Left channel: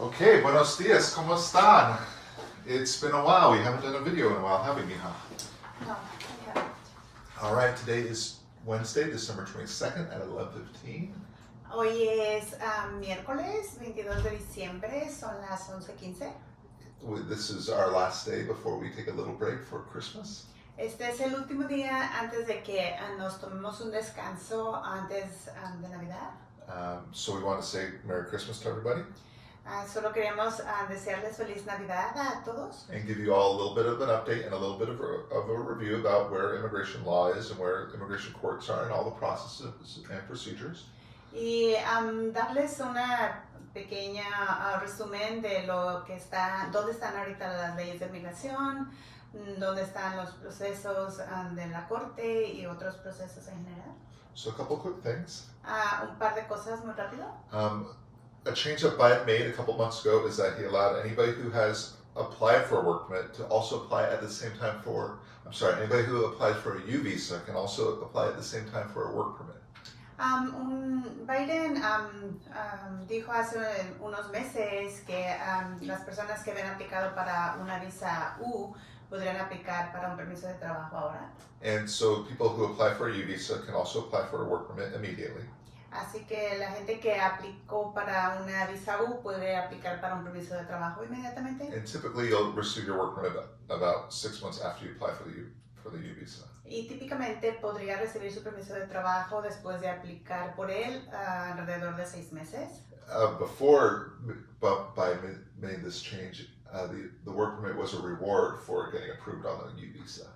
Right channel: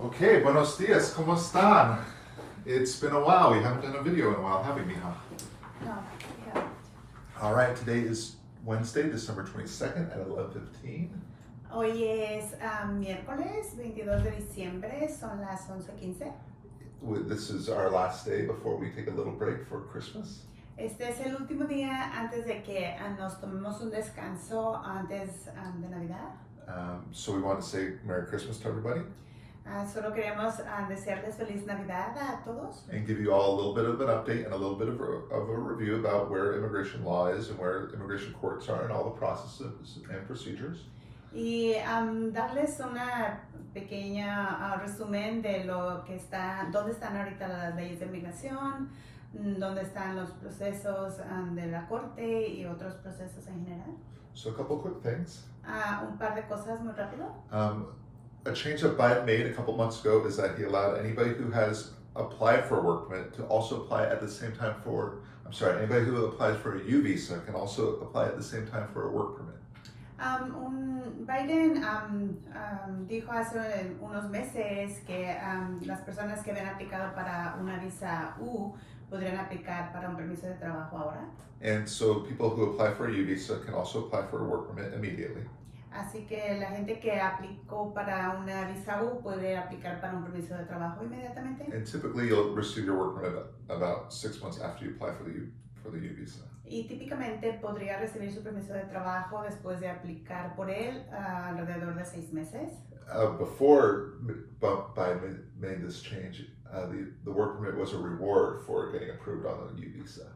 Okay, buenos dias, ¿cómo están? It's been a while. We haven't done a video in a while, have we, Mija? No, yeah. All right, today is Wednesday, December 22nd at 11:15. Hoy es miércoles 22 de diciembre, son las 11:15. This is our last day before we take a little break for Christmas. Este es el último día antes de que nos tomemos un descanso antes de Navidad. So we want to say Merry Christmas to everybody Solo queremos desearles feliz Navidad a todos and give you all a little bit of an update and a little bit of a review about where immigration law is and where immigration courts are and all the processes and procedures. y darles una pequeña resumen de lo que dónde están ahorita las leyes de migración, dónde están los procesos de la corte y otros procesos en general. So a couple quick things. Un par de cosas muy rápido. A change that Biden made a couple months ago is that he allowed anybody who has applied for a work permit to also apply at the same time anybody who applies for a U visa can also apply at the same time for a work permit. Biden dijo hace unos meses que las personas que habían aplicado para una visa U podrían aplicar para un permiso de trabajo ahora. And so people who apply for a U visa can also apply for a work permit immediately. Así que la gente que aplicó para una visa U puede aplicar para un permiso de trabajo inmediatamente. And typically you'll receive your work permit about 6 months after you apply for the U visa. Y típicamente podría recibir su permiso de trabajo después de aplicar por él alrededor de 6 meses. Before Biden made this change, the work permit was a reward for getting approved on the U visa.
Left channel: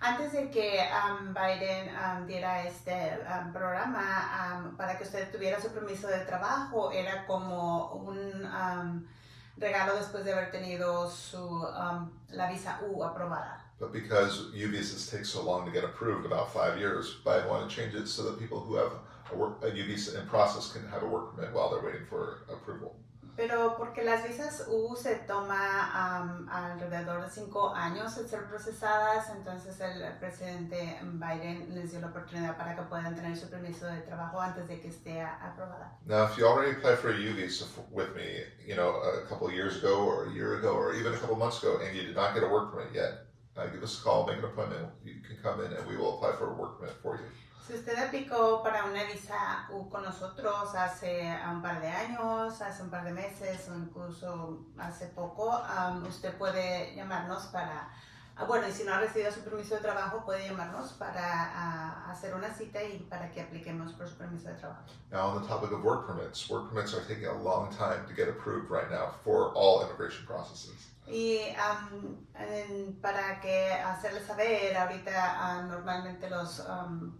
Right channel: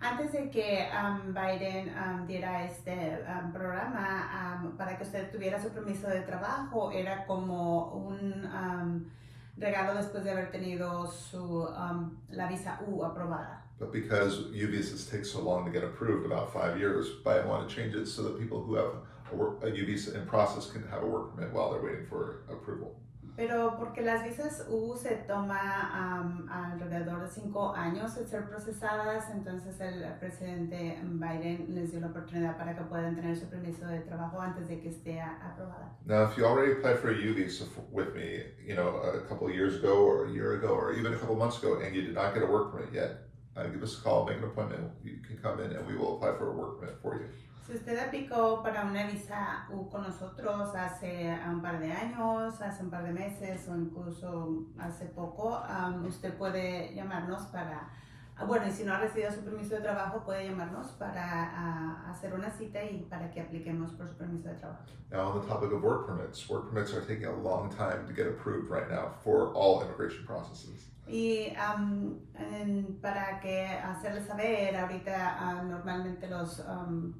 Antes de que Biden diera este programa para que usted tuviera su permiso de trabajo, era como un regalo después de haber tenido la visa U aprobada. But because U visas take so long to get approved, about 5 years, Biden wanted to change it so that people who have a U visa in process can have a work permit while they're waiting for approval. Pero porque las visas U se toma alrededor de 5 años en ser procesadas, entonces el presidente Biden les dio la oportunidad para que puedan tener su permiso de trabajo antes de que esté aprobada. Now, if you already applied for a U visa with me, a couple of years ago or a year ago or even a couple of months ago, and you did not get a work permit yet, give us a call, make an appointment. You can come in and we will apply for a work permit for you. Si usted aplicó para una visa U con nosotros hace un par de años, hace un par de meses o incluso hace poco, usted puede llamarnos y si no ha recibido su permiso de trabajo, puede llamarnos para hacer una cita y para que apliquemos por su permiso de trabajo. Now, on the topic of work permits are taking a long time to get approved right now for all immigration processes. Y para que hacerles saber, ahorita normalmente los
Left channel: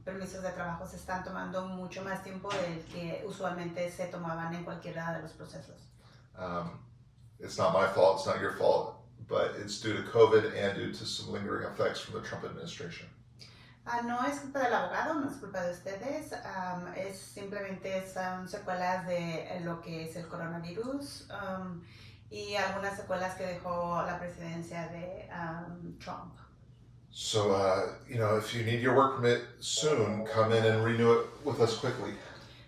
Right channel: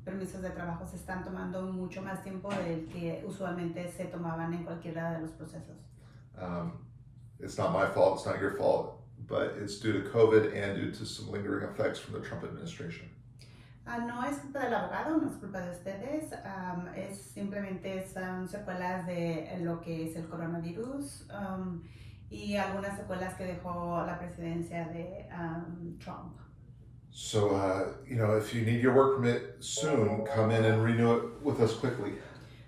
permisos de trabajo se están tomando mucho más tiempo del que usualmente se tomaban en cualquiera de los procesos. It's not my fault, it's not your fault, but it's due to COVID and due to some lingering effects from the Trump administration. No es culpa del abogado, no es culpa de ustedes, simplemente son secuelas de lo que es el coronavirus. Y algunas secuelas que dejó la presidencia de Trump. So, if you need your work permit soon, come in and renew it with us quickly.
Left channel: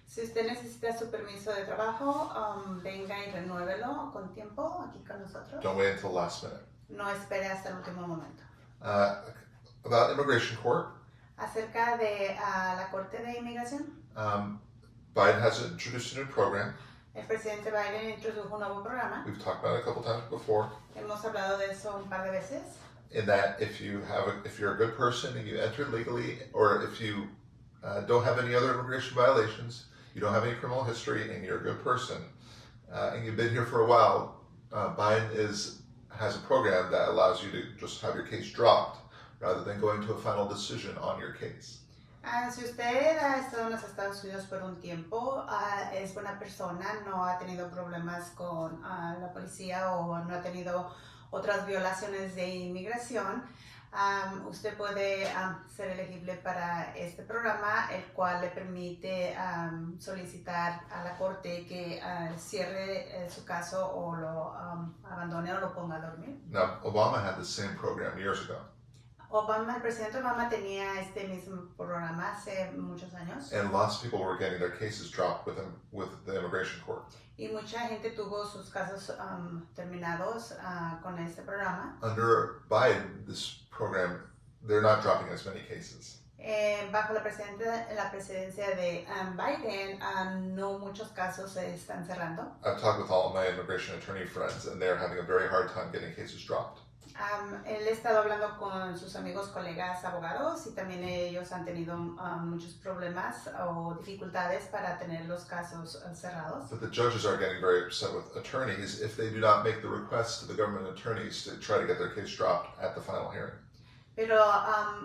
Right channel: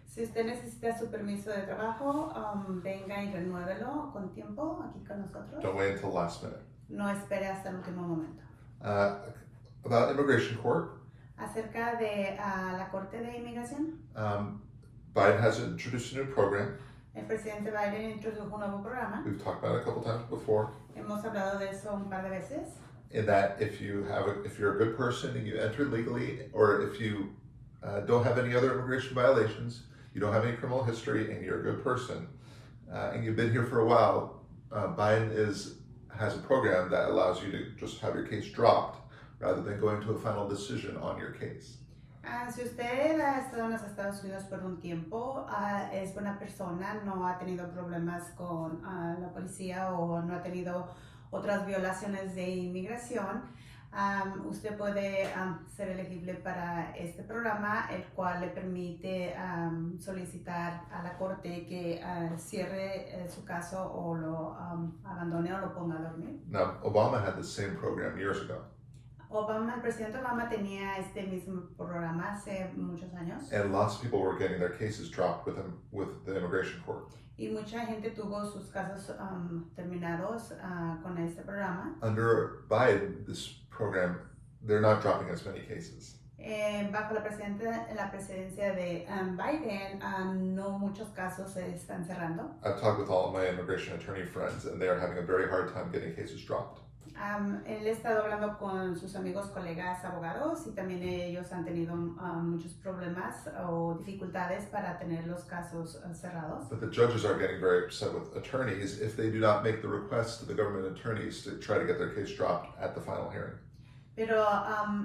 Si usted necesita su permiso de trabajo, venga y renuévelo con tiempo aquí con nosotros. Don't wait until last minute. No espere hasta el último momento. About immigration court. Acerca de la Corte de Inmigración. Biden has introduced a new program. El presidente Biden introdujo un nuevo programa. We've talked about it a couple times before. Hemos hablado de eso un par de veces. In that, if you're a good person and you entered legally, or if you don't have any other immigration violations, you don't have any criminal history, and you're a good person, and you've been here for a while, Biden has a program that allows you to just have your case dropped rather than going to a final decision on your case. Si usted ha estado en los Estados Unidos por un tiempo, es buena persona, no ha tenido problemas con la policía o no ha tenido otras violaciones de inmigración, usted puede ser elegible para este programa, el cual le permite solicitar a la corte que cierre su caso o lo abandone o lo ponga a dormir. Now, Obama had the same program years ago. El presidente Obama tenía este mismo programa hace muchos años and lots of people were getting their cases dropped with the immigration court. y mucha gente tuvo sus casos terminados con este programa. Under Biden, this program, they're not dropping as many cases. Bajo la presidencia de Biden, no muchos casos se están cerrando. I've talked with all of my immigration attorney friends, and they're having a very hard time getting cases dropped. Él ha estado hablando con sus amigos, colegas, abogados y también ellos han tenido muchos problemas o dificultades para tener los casos cerrados. But the judges are getting very upset with attorneys if they do not make the request to the government attorneys to try to get their case dropped at the final hearing. Pero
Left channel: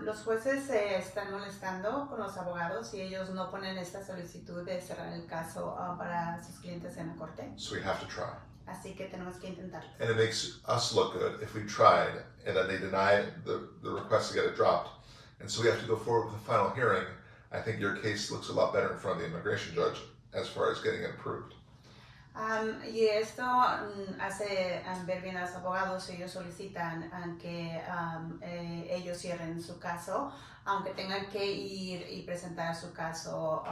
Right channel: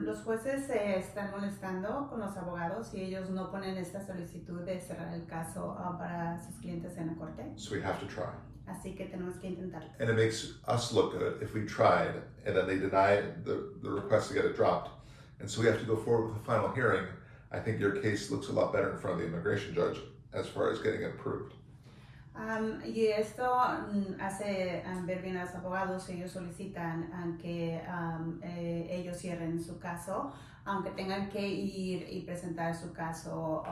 los jueces se están molestando con los abogados y ellos no ponen esta solicitud de cerrar el caso para sus clientes en la corte. So we have to try. Así que tenemos que intentarlo. And it makes us look good if we tried and then they deny the request to get it dropped. And so we have to go forward with the final hearing. I think your case looks a lot better in front of the immigration judge as far as getting it approved. Y esto hace ver bien a los abogados. Ellos solicitan que ellos cierren su caso, aunque tengan que ir y presentar su caso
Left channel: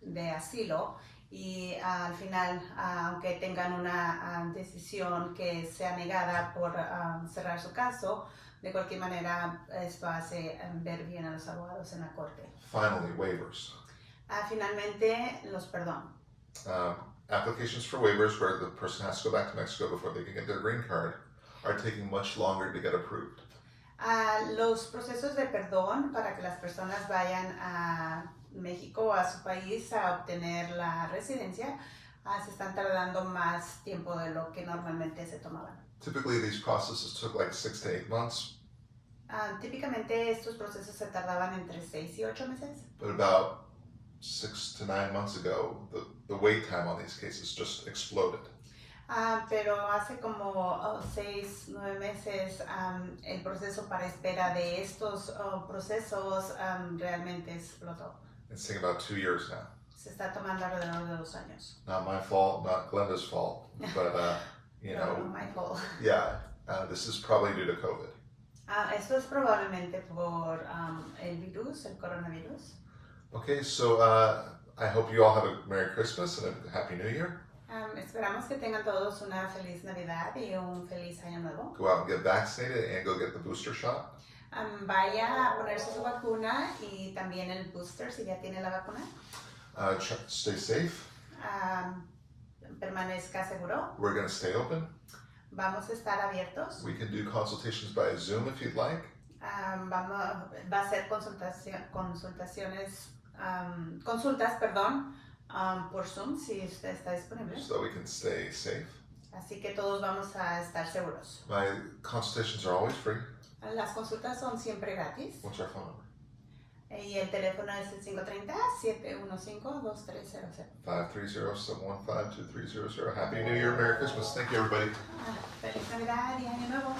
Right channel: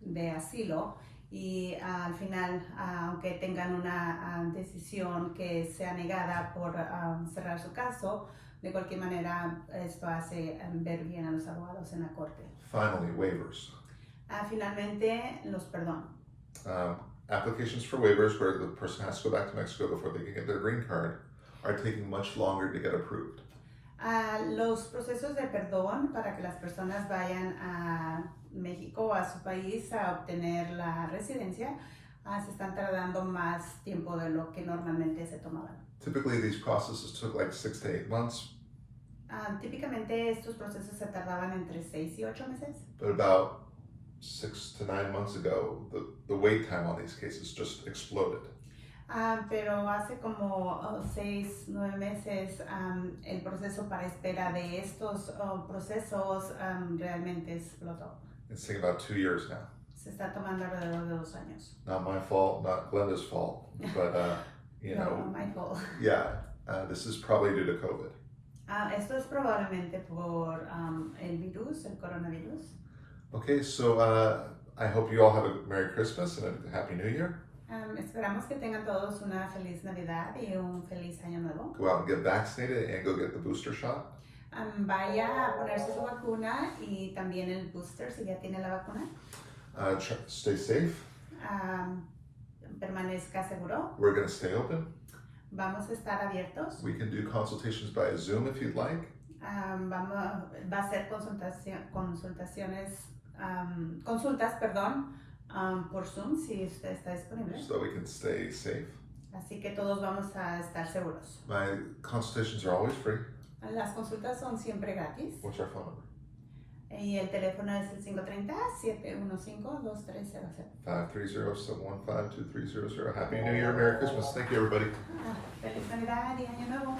de asilo. Y al final, aunque tengan una decisión que sea negada por cerrar su caso, de cualquier manera esto hace ver bien a los abogados en la corte. Finally, waivers. Finalmente, los perdón. Applications for waivers where the person has to go back to Mexico before they can get their green card are taking much longer to get approved. Los procesos de perdón para que las personas vayan a México o a su país a obtener la residencia se están tardando más tiempo de lo que normalmente se tomaban. Typically, these processes took like 6 to 8 months, Típicamente estos procesos se tardaban entre 6 y 8 meses. but about 6 to 9 months ago, the wait time on these cases just exploded. Pero hace como 6, 9 meses el proceso para espera de estos procesos realmente explotó. It's taking about 2 years now. Se está tomando alrededor de 2 años. Not my fault, not Glenda's fault, but you No, know, my fault. yeah, this is probably due to COVID. Esto es probablemente por el virus, el coronavirus. Okay, so I hope you all have a Merry Christmas and a Happy New Year. Esperamos que tengan todos una feliz Navidad y un feliz Año Nuevo. Go out and get vaccinated and go get the booster shot. Vaya a ponerse su vacuna y también el booster si ya tiene la vacuna. Stay safe. Permanezca seguro. We're going to stay open. Vamos a estar abiertos. We can do consultations by Zoom if you'd like. Va a ser consultas, por Zoom si usted está disponible. So that we can stay safe. Así que todos vamos a estar seguros. My consultations are always free. Las consultas son siempre gratis. What's our phone number? Y el teléfono es el 530-715-2300. 530-715-2300. Happy New Year, Merry Christmas. Thank you, everybody. Feliz Navidad y Año Nuevo.